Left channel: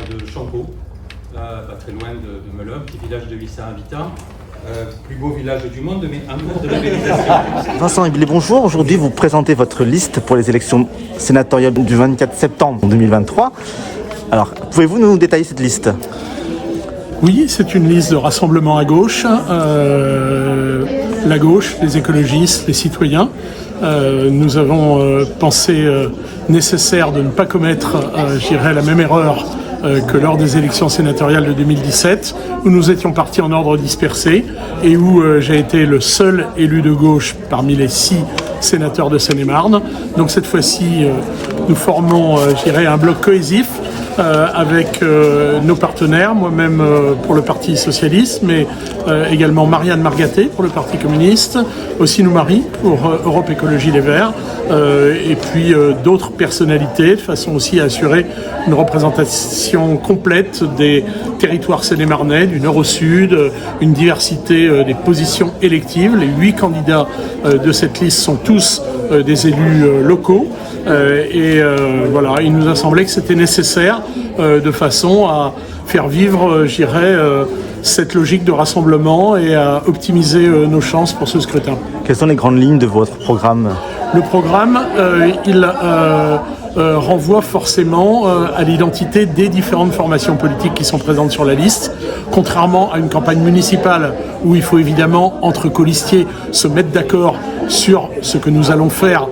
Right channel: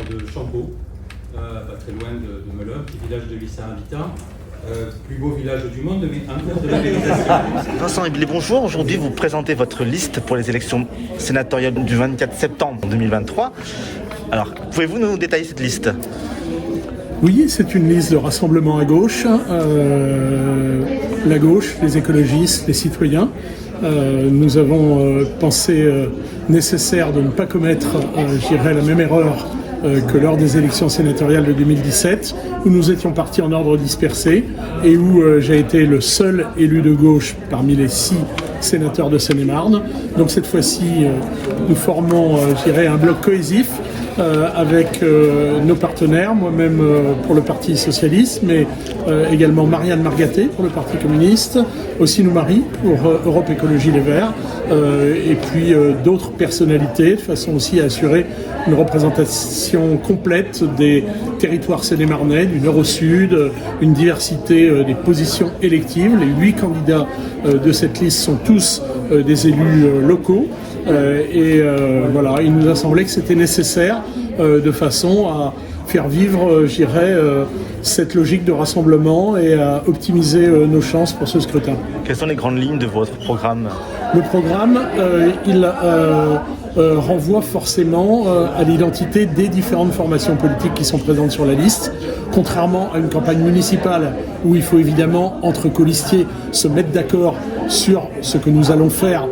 de Champeau, pas très loin de Melun, petit village de 800 habitants. Plus beau village du monde, mais en cours de labellisation. Vincent Eblé, bonjour. Aujourd'hui, vous présentez votre liste pour les élections sénatoriales du 24 septembre 2023. Alors, pouvez-vous nous détailler cette liste ? Oui, c'est une liste de rassemblement à gauche. La gauche, les écologistes, les citoyens. Nous avons pensé nécessaire de ne pas commettre, la même erreur que lors des élections sénatoriales de 2017, où nous étions partis en ordre dispersé et où j'ai été le seul élu de gauche parmi les 6 sénateurs de Seine-et-Marne. Donc cette fois-ci, nous formons, un bloc cohésif avec nos partenaires, moi-même pour le Parti Socialiste, mais également Marianne Margaté pour le Parti Communiste, aussi Marie pour Europe Écologie Les Verts, et puis d'autres personnalités, de façon aussi à assurer une représentation complète des territoires sénémarnais, du nord au sud, une diversité des positions électives. Les 8 candidats de cette liste sont tous des élus locaux. Il nous a semblé que c'était nécessaire de façon à faire vivre, cette logique de rassemblement et à optimiser nos chances pour ce scrutin. Quelles sont les grandes lignes de votre programme ? Le programme, il renvoie forcément à l'identité des différentes formations politiques qui sont présentes sur la liste, contrairement à une campagne municipale où il faut évidemment, entre colistiers, se mettre d'accord sur ce que nous allons faire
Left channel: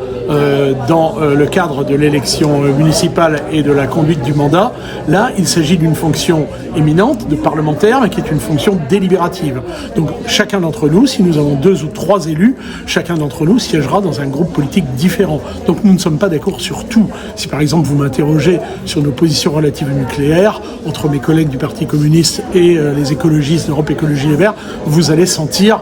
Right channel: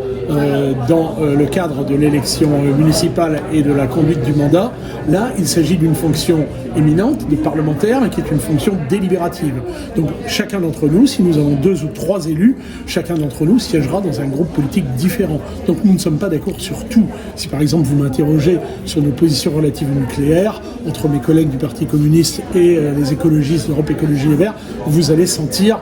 dans le cadre de l'élection municipale et de la conduite du mandat. Là, il s'agit d'une fonction éminente de parlementaire, mais qui est une fonction délibérative. Donc chacun d'entre nous, si nous avons 2 ou 3 élus, chacun d'entre nous siégera dans un groupe politique différent. Donc nous ne sommes pas d'accord sur tout. Si par exemple vous m'interrogez sur nos positions relatives au nucléaire, entre mes collègues du Parti communiste et les écologistes d'Europe Écologie Les Verts, vous allez sentir,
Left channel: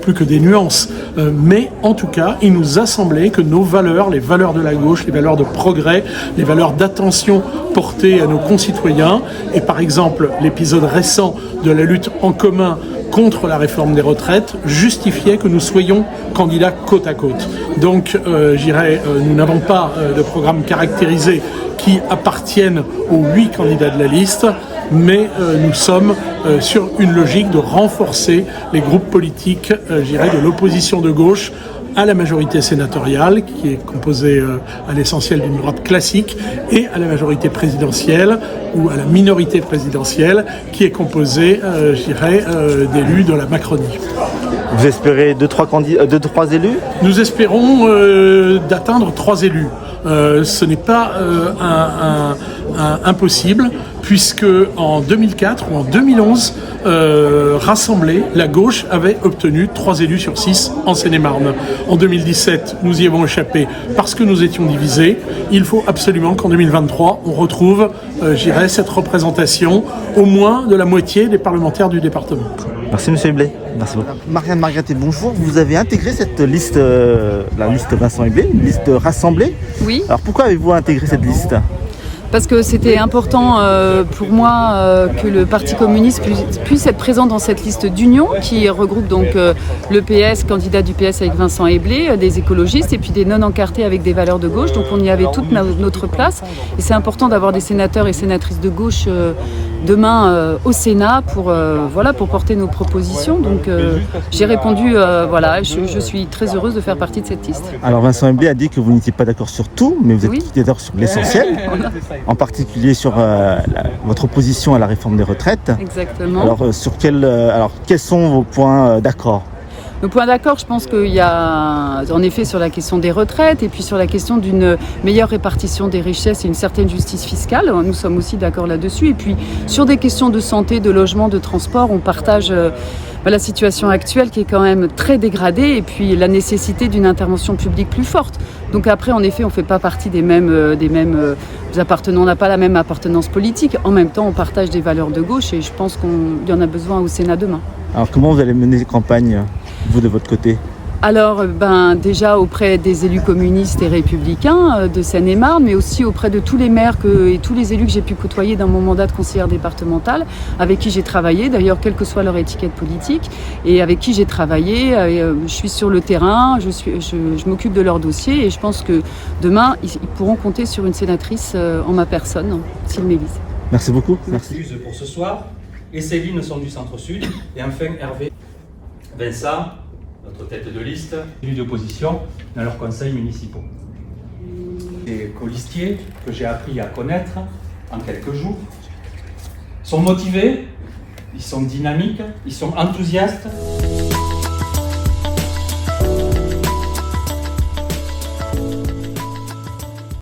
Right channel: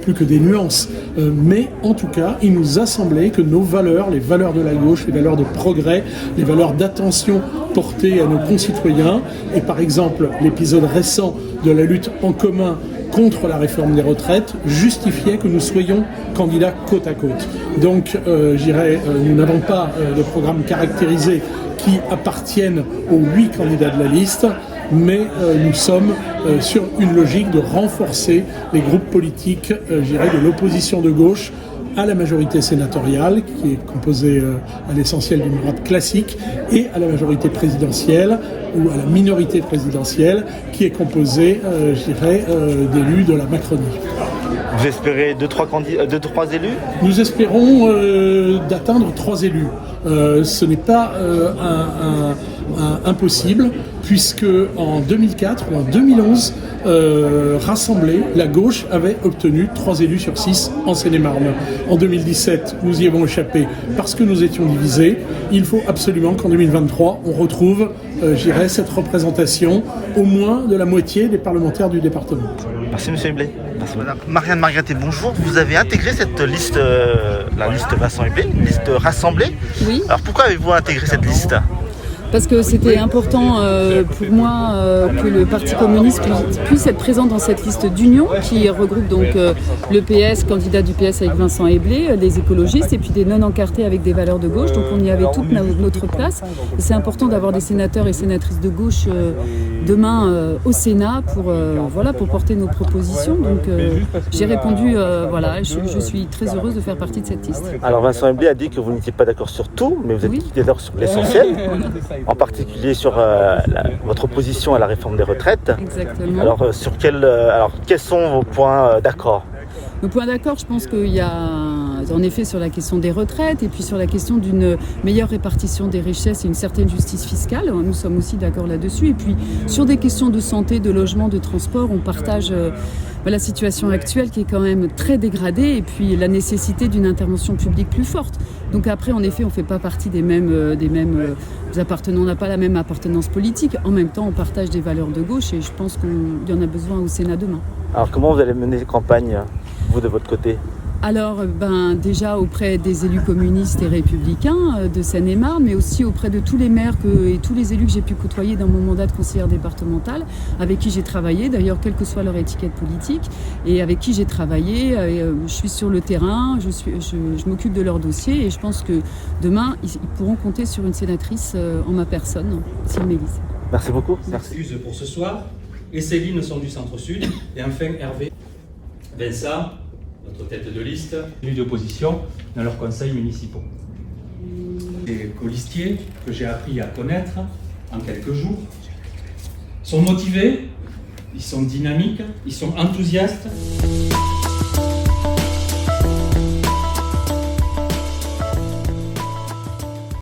plus que des nuances. Mais en tout cas, il nous a semblé que nos valeurs, les valeurs de la gauche, les valeurs de progrès, les valeurs d'attention portées à nos concitoyens, et par exemple l'épisode récent de la lutte en commun contre la réforme des retraites justifiait que nous soyons candidats côte à côte. Donc, nous n'avons pas de programme caractérisé qui appartienne aux 8 candidats de la liste, mais nous sommes sur une logique de renforcer les groupes politiques, de l'opposition de gauche à la majorité sénatoriale, qui est composée à l'essentiel d'une droite classique, et à la majorité présidentielle, ou à la minorité présidentielle, qui est composée, d'élus de la Macronie. Vous espérez 2-3 élus ? Nous espérons d'atteindre 3 élus. Ce n'est pas impossible, puisque en 2004 ou en 2011, rassemblée, la gauche avait obtenu 3 élus sur 6 en Seine-et-Marne. En 2017, nous y avons échappé parce que nous étions divisés. Il faut absolument qu'en 2023, on retrouve, cette représentation au moins de la moitié des parlementaires du département. Merci M. Eblé. Merci beaucoup. Marianne Margaté, bonjour. Vous avez intégré cette liste, la liste Vincent Eblé, une liste rassemblée. Oui. Alors pourquoi avez-vous intégré cette liste ? Parce que c'était important pour moi que le Parti communiste puisse être présent dans cette liste d'union qui regroupe donc le PS, candidat du PS avec Vincent Eblé, des écologistes et puis des non-encartés avec des valeurs de gauche. Donc on y avait toute notre place et c'est important d'avoir des sénateurs et sénatrices de gauche demain au Sénat pour porter nos propositions. Donc j'ai répondu, je suis très heureuse de faire partie de cette liste. Alors Vincent Eblé a dit que vous n'étiez pas d'accord sur tout, mais vous êtes d'accord sur l'essentiel. Voilà. En particulier sur votre opposition à la réforme des retraites. Exactement. Alors, quels sont vos points d'accord ? Nos points d'accord, je pense qu'il y a en effet sur la question des retraites et puis sur la question d'une meilleure répartition des richesses et une certaine justice fiscale. Nous sommes aussi d'accord là-dessus. Et puis sur des questions de santé, de logement, de transport, on partage la situation actuelle qui est quand même très dégradée et puis la nécessité d'une intervention publique plus forte. Donc après, en effet, on ne fait pas partie des mêmes appartenants, on n'a pas la même appartenance politique. En même temps, on partage des valeurs de gauche et je pense qu'il y en a besoin au Sénat demain. Alors comment vous allez mener campagne, vous de votre côté ? Alors, déjà auprès des élus communistes et républicains de Seine-et-Marne, mais aussi auprès de tous les maires et tous les élus que j'ai pu côtoyer dans mon mandat de conseillère départementale, avec qui j'ai travaillé, d'ailleurs, quelle que soit leur étiquette politique, et avec qui j'ai travaillé. Je suis sur le terrain, je m'occupe de leur dossier, et je pense que demain, ils pourront compter sur une sénatrice en ma personne, s'ils m'élisent. Merci beaucoup. Excuse pour ce soir. Et Céline sont du centre-sud. Et enfin Hervé, Vincent, notre tête de liste, élu d'opposition dans leurs conseils municipaux. Des colistiers que j'ai appris à connaître en quelques jours sont motivés, ils sont dynamiques, ils sont enthousiastes.